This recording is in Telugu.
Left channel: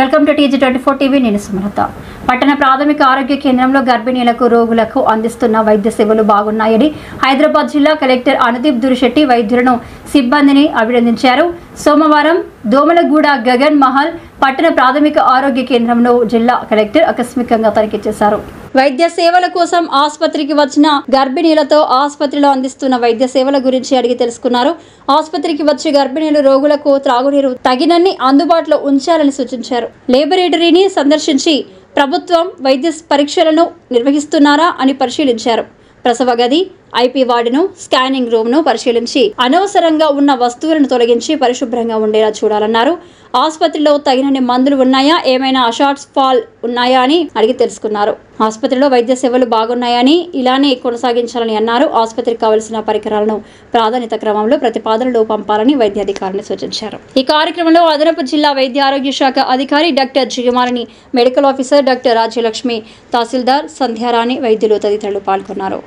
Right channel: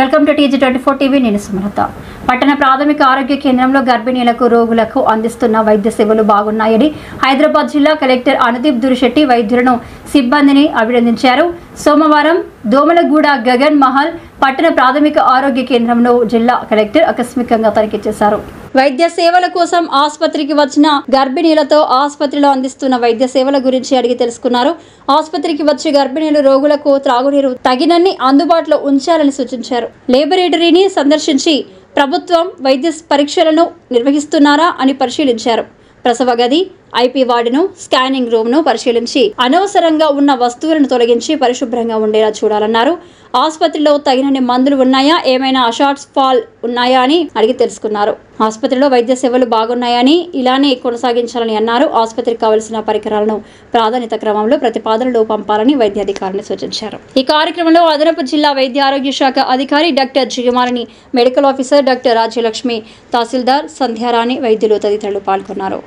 Welcome to TG24 TV. నేను సుమలత. పట్టణ ప్రాథమిక ఆరోగ్య కేంద్రంలో గర్భిణీలకు రోగులకు అందిస్తున్న వైద్య సేవలు బాగున్నాయని హైదరాబాద్ జిల్లా కలెక్టర్ అనుదీప్ దురిశెట్టి వైద్యులను సిబ్బందిని అభినందించారు. సోమవారం దోమలగూడ గగన్ మహల్ పట్టణ ప్రాథమిక ఆరోగ్య కేంద్రంలో జిల్లా కలెక్టర్ ఆకస్మికంగా తనిఖీ చేశారు. వైద్య సేవల కోసం ఆసుపత్రికి వచ్చిన గర్భిణీలతో ఆసుపత్రిలో అందిస్తున్న వైద్య సేవల గురించి అడిగి తెలుసుకున్నారు. ఆసుపత్రికి వచ్చే గర్భిణీలు రోగులకు త్రాగునీరు తగినన్ని అందుబాటులో ఉంచాలని సూచించారు. లేబొరేటరీని సందర్శించి ప్రభుత్వం వైద్య పరీక్షలను నిర్వహిస్తున్నారా అని పరిశీలించారు. ప్రసవ గది, ఐపీ వార్డును, స్కానింగ్ రూమ్ను పరిశీలించి అనవసరంగా ఉన్న వస్తువులను తొలగించి పరిశుభ్రంగా ఉండేలా చూడాలన్నారు. ఆసుపత్రిలో తగినన్ని మందులు ఉన్నాయా, ఏమైనా షార్ట్స్ ఫాల్ ఉన్నాయా అని అడిగి తెలుసుకున్నారు. ఆసుపత్రిలో వైద్య సేవలు బాగున్నాయని ఇలానే కొనసాగించాలని అన్నారు. ఆసుపత్రికి కావలసిన పరికరాలను ప్రాధాన్యత క్రమంలో ప్రతిపాదనలు పంపాలని వైద్యాధికారిని సూచించారు. ఈ కార్యక్రమంలో అదనపు జిల్లా వైద్య ఆరోగ్య శాఖ అధికారి doctor Jigamalini, medical officer doctor Rajyalakshmi, tahsildar Sandhyarani, వైద్యులు తదితరులు పాల్గొన్నారు.